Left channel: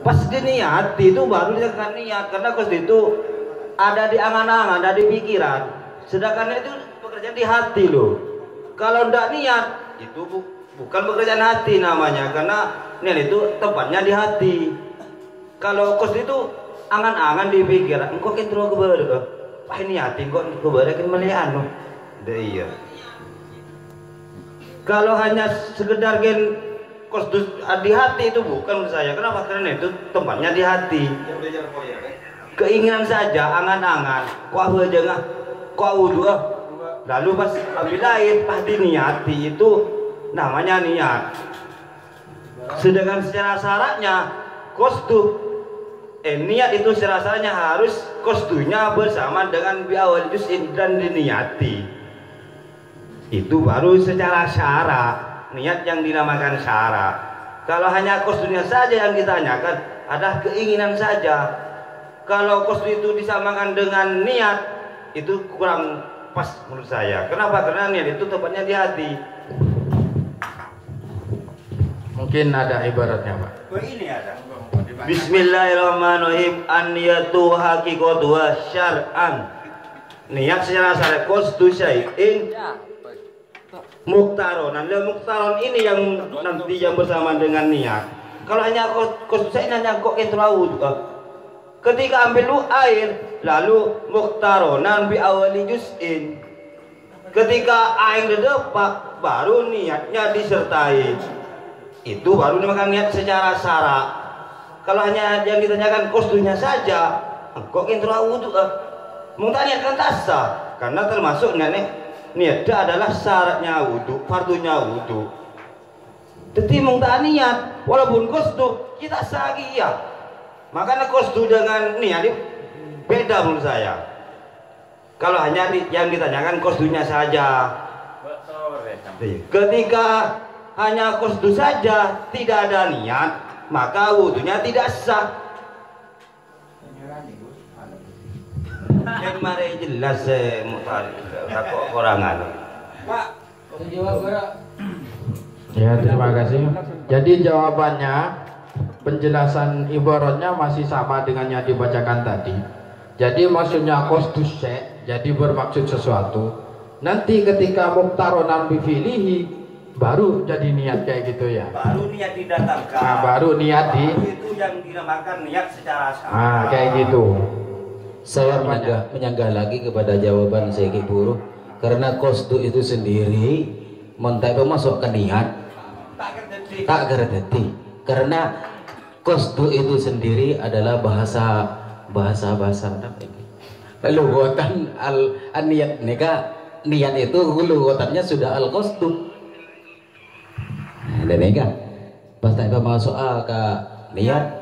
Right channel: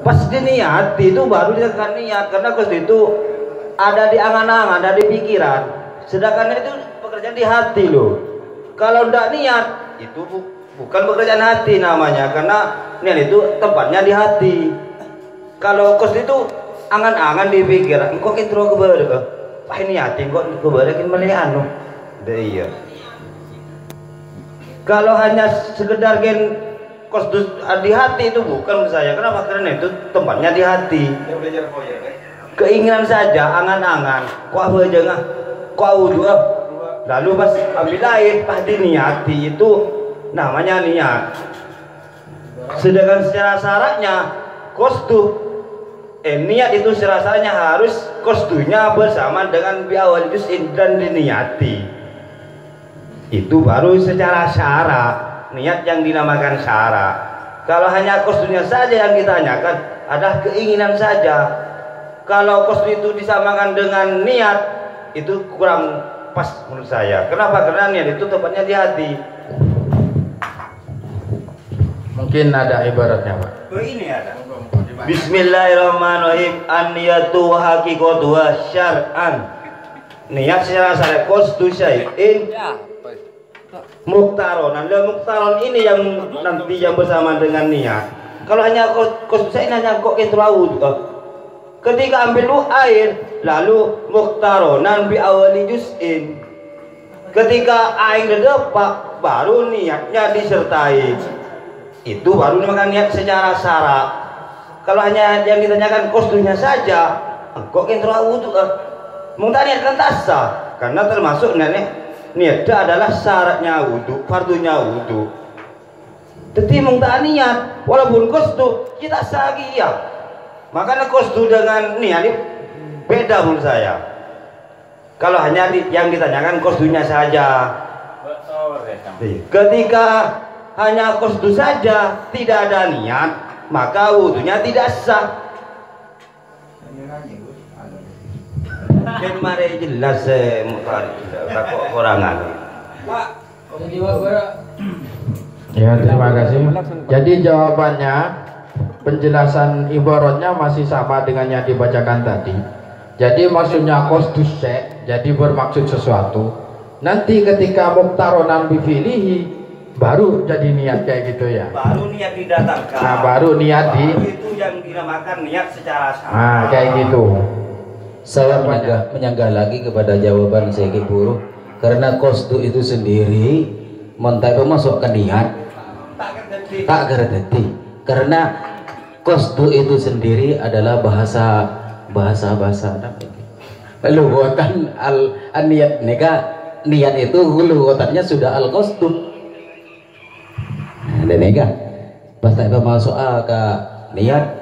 Pas diniati itu baru dikatakan niat, karena kosdu itu ada di angan-angan, ada di pikiran. Sedangkan itu pekerjaan di hati loh. Kalau tidak niat itu bukan pekerjaan hati namanya, karena niat itu tempatnya di hati. Kalau kosdu itu angan-angan di pikiran, kok intro ke baru, wah ini hati kok ke baru kan melihat loh. Iya. Kalau hanya sekedar gen kosdu di hati itu bukan saya. Kenapa? Karena itu tempatnya di hati. Keinginan saja, angan-angan. Kok apa aja nggak? Kok udah? Lalu pas ambil air, pasti niati itu namanya niat. Sedangkan secara syaratnya kosdu, niat itu secara syaratnya harus kosdunya bersama dengan biawal juz'in dan diniati. Itu baru secara syarat. Niat yang dinamakan syarat. Kalau hanya kosdunya saja yang ditanyakan, ada keinginan saja. Kalau kosdu itu disamakan dengan niat, itu kurang pas menurut saya. Kenapa? Karena niat itu tempatnya di hati. Mungkin ada ibaratnya, Pak. Oh, ini ada. Bismillahirrahmanirrahim. An-niyatu haqiqatu syar'an. Niat secara syar'i kosdu syai'in muktaronan. Muktaron ini yang nanti yang bersama dengan niat. Kalau hanya kosdu syai'in hanya kok intraud. Ketika ambil air, lalu muktaronan bi awali juz'in. Ketika air depak, baru niatnya disertai. Itu baru dinamakan niat secara syarat. Kalau hanya yang ditanyakan kosdunya saja, kok intraud? Mungkin niatkan tasa, karena termasuk niat adalah syaratnya wudu, fardunya wudu. Jadi mungkin niat, walaupun kosdu kita sahih. Makanya kosdu dengan niat ini beda menurut saya. Kalau hanya yang ditanyakan kosdunya saja. Ketika hanya kosdu saja, tidak ada niat, maka wudunya tidak sah. Kemarin jelas kekurangan. Ya, terima kasih. Jadi jawabannya, penjelasan ibaratnya masih sama dengan yang dibacakan tadi. Jadi maksudnya kosdu syai', jadi bermaksud sesuatu. Nanti ketika muktaronan bifilihi, baru jadi niat kayak gitu ya. Baru niat didatangkan. Nah, baru niat itu yang dinamakan niat secara syarat. Nah, kayak gitu. Saya menyanggah lagi kepada jawaban Syekh Buruh, karena kosdu itu sendiri mentapa masuk ke niat tak gerti, karena kosdu itu sendiri adalah bahasa lughatan al niat niat itu lughatannya sudah al kosdu. Dan nega pas tak masuk ke niat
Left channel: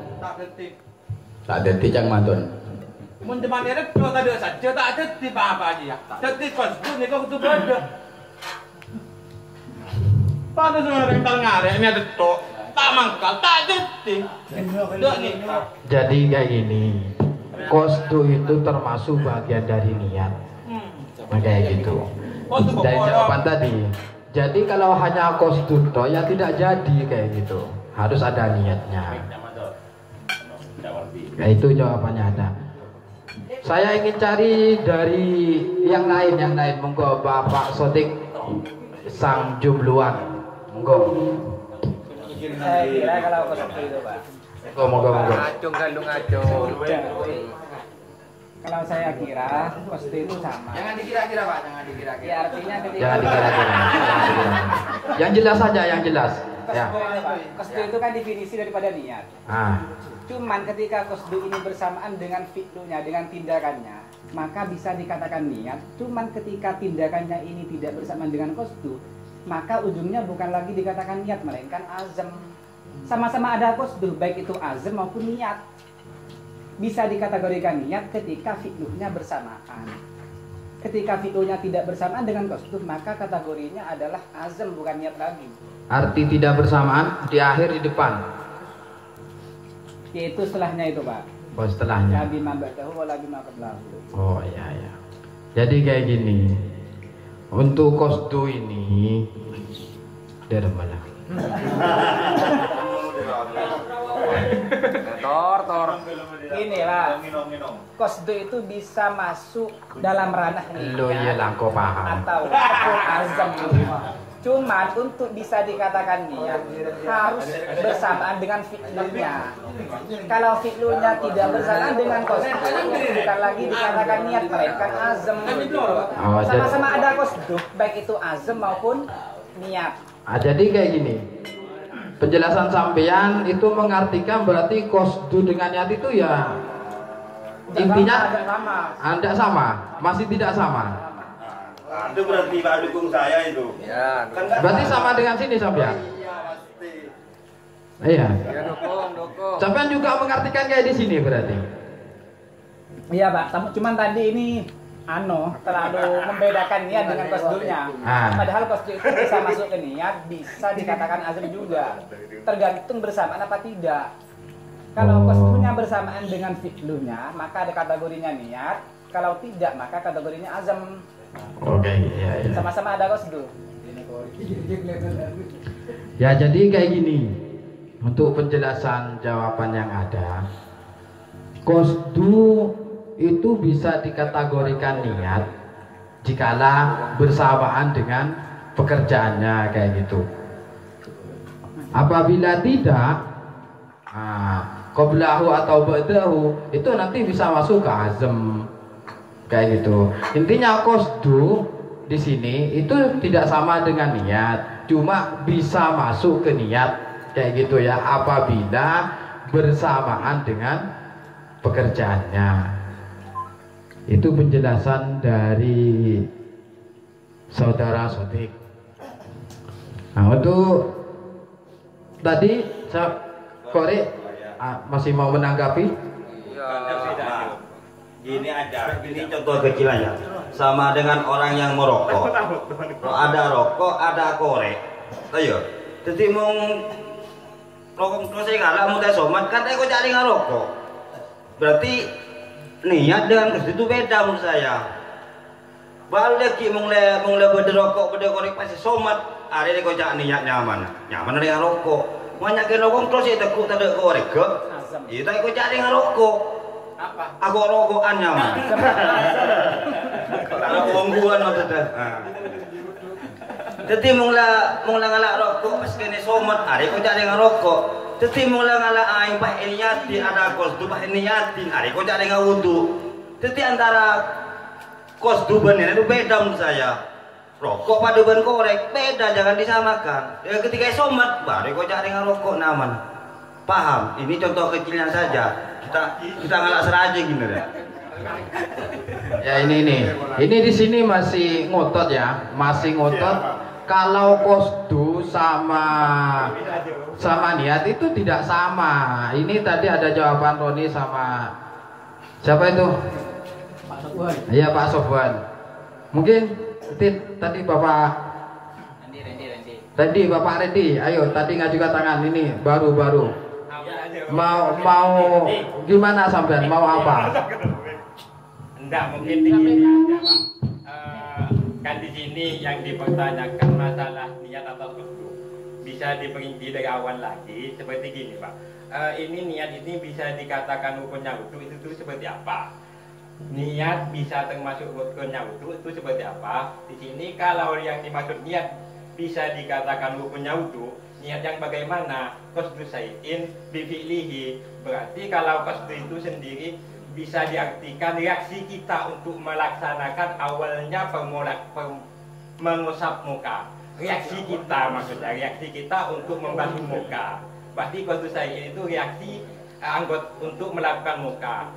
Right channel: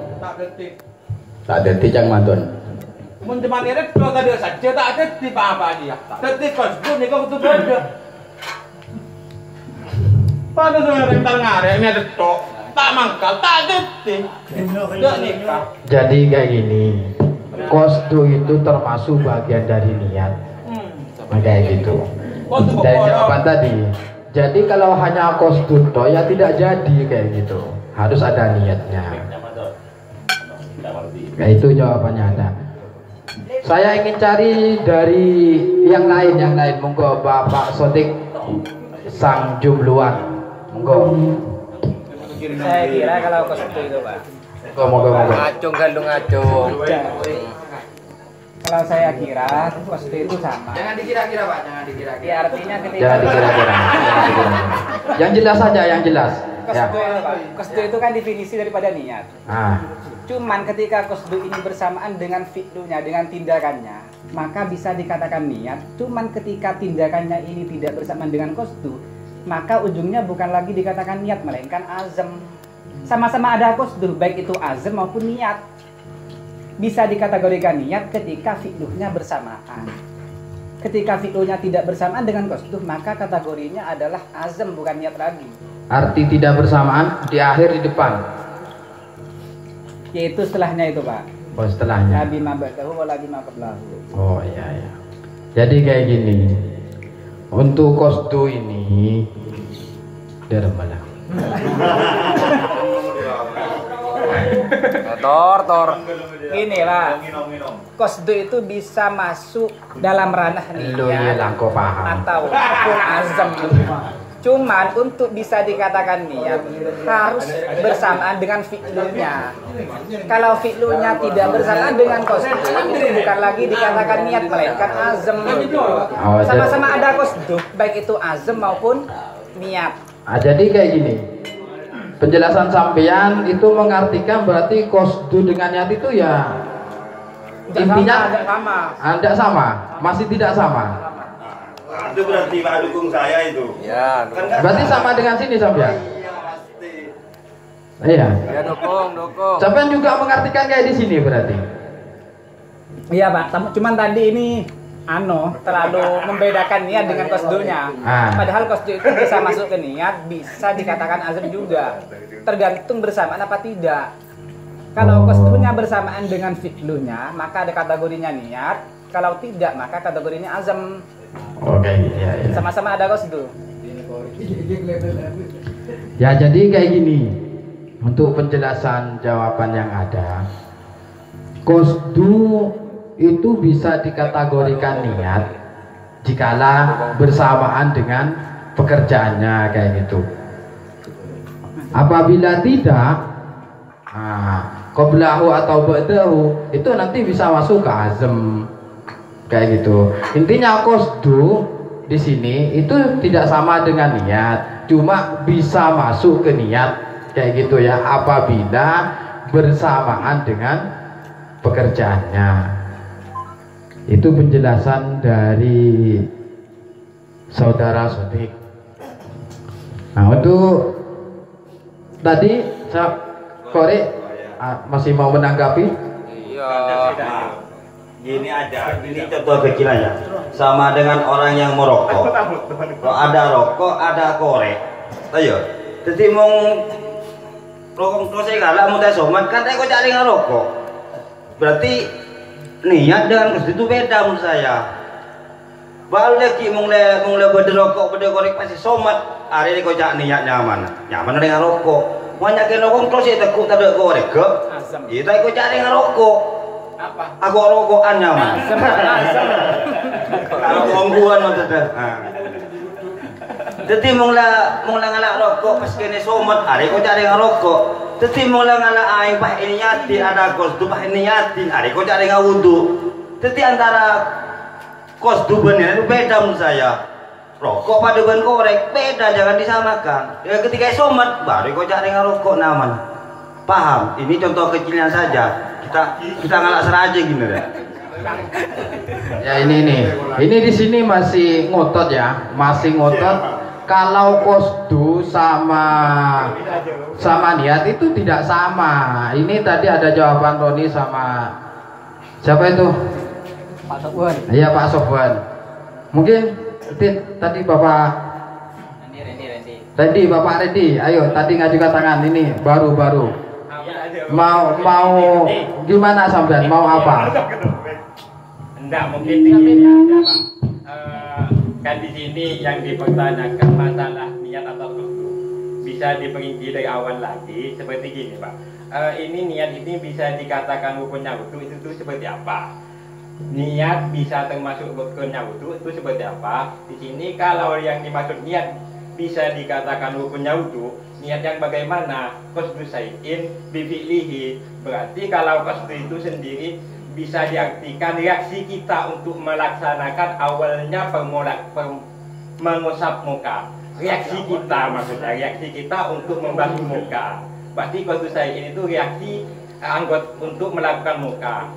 tak gerti cang mantun. Menteman ini kalau ada saja tak ada di apa aja. Tapi kosdu ni kau tu benda. Pada saya rental ngarek ini ada tok. Tak mangkal, tak ada di. Jadi kayak gini, kosdu itu termasuk bagian dari niat. Kayak gitu. Dari jawaban tadi. Jadi kalau hanya kosdu toh ya tidak jadi kayak gitu. Harus ada niatnya. Nah, itu jawabannya ada. Saya ingin cari dari yang lain. Monggo Bapak Sotik sang jumluan. Monggo. Saya kira kalau kosdu itu Pak. Monggo. Ngacung galung ngacung. Kalau saya kira kosdu itu sama. Jangan dikira-kira Pak, jangan dikira-kira. Ya, artinya ketika Jangan dikira-kira. Yang jelas saja, yang jelas. Ya. kosdu itu kan definisi daripada niat. Nah. Cuman ketika kosdu ini bersamaan dengan fi'lunya, dengan tindakannya, maka bisa dikatakan niat. Cuman ketika tindakannya ini tidak bersamaan dengan kosdu, maka ujungnya bukan lagi dikatakan niat, melainkan azam. Sama-sama ada kosdu, baik itu azam maupun niat. Bisa dikategorikan niat ketika fi'lunya bersamaan. Ketika fi'lunya tidak bersamaan dengan kosdu, maka kategorinya adalah azam, bukan niat lagi. Arti tidak bersamaan di akhir di depan. Yaitu setelahnya itu Pak. Oh, setelahnya. Nabi mabadahu wa nabi maqablahu. Oh iya. Jadi kayak gini. Untuk kosdu ini dari mana? Tor. Gini lah. Qasdu itu bisa masuk dalam ranah niat kau paham. atau azam. Cuman untuk bisa dikatakan niat harus bersamaan dengan fi'lunya. Kalau fi'lunya tidak bersamaan dengan qasdu, bukan lagi dikatakan niat melainkan azam. Sama-sama ada qasdu, baik itu azam maupun niat. Jadi kayak gini. Penjelasan sampean itu mengartikan berarti qasdu dengan niat itu ya intinya tidak sama, masih tidak sama. Itu berarti Pak dukung saya itu. Ya, Berarti sama dengan sini sampean. Iya pasti. Iya. ya dukung. Sampean juga mengartikan kayak di sini berarti. Iya Pak, cuman tadi ini terlalu membedakan niat dengan qasdunya. Padahal qasdu itu bisa masuk ke niat, bisa dikatakan azam juga. Tergantung bersamaan apa tidak. Kalau qasdunya bersamaan dengan fi'lunya, maka ada kategorinya niat. Kalau tidak, maka kategorinya azam. Oke, iya. Sama-sama ada qasdu. Ya jadi kayak gini. Untuk penjelasan jawaban yang ada, qasdu itu bisa dikategorikan niat jikalau bersamaan dengan pekerjaannya kayak gitu. Apabila tidak, qablahu atau ba'dahu itu nanti bisa masuk ke azam kayak gitu. Intinya qasdu di sini itu tidak sama dengan niat, cuma bisa masuk ke niat kayak gitu ya apabila bersamaan dengan pekerjaannya. Itu penjelasan dari saudara Sodik. Nah untuk tadi saya korek masih mau menanggapi? Iya. Gini aja, ini contoh kecil aja. Sama dengan orang yang merokok. Kalau ada rokok, ada korek. Ayo. Jadi mau rokok terus saya nggak mau tes somat kan saya kok cari ngerokok. Berarti niat dengan qasdu itu beda menurut saya. Baru lagi mulai berderokok berdekorek pasti somat. Hari ini kau cak niatnya mana? Nyaman dengan rokok. Banyak yang rokok terus saya tekuk tak ada korek ke. Itu kau cari ngerokok. Aku rokokan nyaman. Aku ongguan maksudnya. Jadi mulai ngalak rokok pas kene somat. Hari kau cari ngerokok. Jadi mulai ngalak aing bah ini nyati ada qasdu bah ini nyati. Hari kau cari ngawudu. Jadi antara qasdu bener itu beda menurut saya. Rokok pada ban korek beda, jangan disamakan. Ya ketika somat baru kau cari ngerokok naman. Paham? Ini contoh kecilnya saja. Kita ngalak seraja gini ya. Ya ini di sini masih ngotot ya, masih ngotot. Kalau qasdu sama niat itu tidak sama. Ini tadi ada jawaban Roni sama siapa itu? Pak Sofwan. Iya Pak Sofwan. Mungkin tadi Bapak Randy, Bapak Randy, ayo tadi ngajukan tangan ini baru. Mau gimana sampean? Mau apa? Enggak, mungkin begini aja Pak. Kan di sini yang dipertanyakan masalah niat atau qasdu bisa diperinci dari awal lagi seperti gini Pak. Ini niat ini bisa dikatakan rukunnya wudu itu seperti apa? Niat bisa termasuk rukunnya wudu itu seperti apa? Di sini kalau yang dimaksud niat bisa dikatakan rukunnya wudu, niat yang bagaimana? Qasdu syai'in bi fi'lihi. Berarti kalau qasdu itu sendiri bisa diartikan reaksi kita untuk melaksanakan awalnya mengusap muka. Reaksi kita maksudnya, reaksi kita untuk membasuh muka. Berarti qasdu syai'in itu reaksi anggota untuk melakukan muka.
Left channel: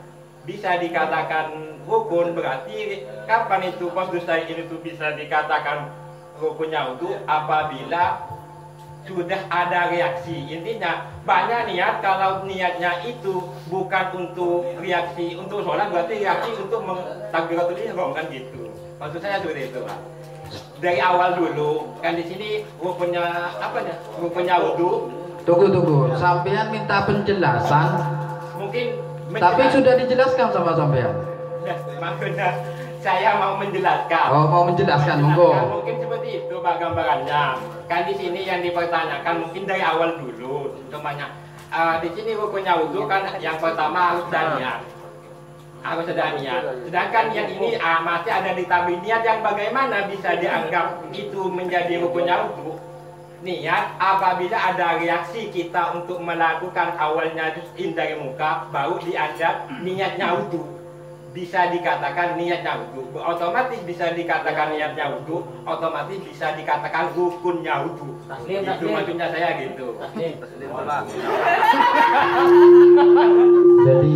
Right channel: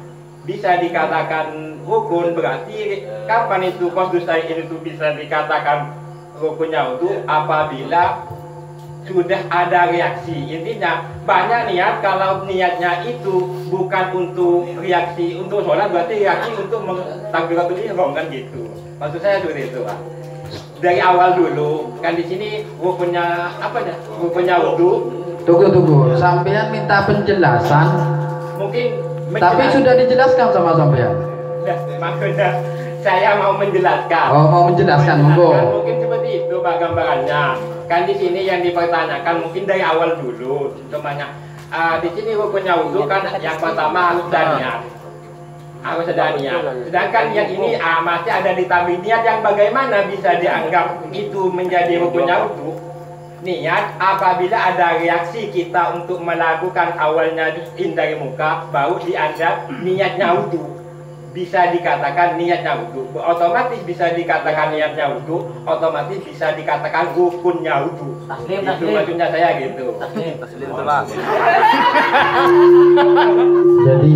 Bisa dikatakan rukun, berarti kapan itu qasdu syai'in itu bisa dikatakan rukunnya wudu? Apabila sudah ada reaksi. Intinya banyak niat, kalau niatnya itu bukan untuk reaksi untuk sholat, berarti reaksi untuk takbiratul ihram kan gitu. Maksud saya seperti itu Pak. Dari awal dulu kan di sini rukunnya apa ya? Rukunnya wudu. Tunggu. Sampean minta penjelasan. Mungkin Tapi sudah dijelaskan sama sampean. Makanya saya mau menjelaskan. Oh, mau menjelaskan, mungkin seperti itu Pak gambarannya. Kan di sini yang dipertanyakan mungkin dari awal dulu, semuanya di sini rukunnya wudhu kan yang pertama harus ada niat. Harus ada niat. Sedangkan niat ini masih ada ditambah niat yang bagaimana bisa dianggap itu menjadi rukunnya wudhu. Niat apabila ada reaksi kita untuk melakukan awalnya dari muka, baru dianggap niatnya wudhu. Bisa dikatakan niatnya wudhu, otomatis bisa dikatakan niatnya wudhu, otomatis bisa dikatakan rukunnya wudhu. Itu maksudnya saya gitu. Jadi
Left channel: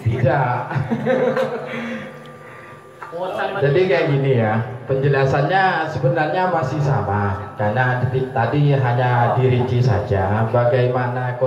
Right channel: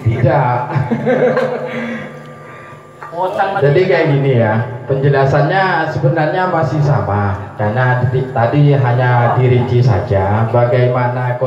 tidak. Jadi kayak gini ya, penjelasannya sebenarnya masih sama karena tadi hanya dirinci saja bagaimana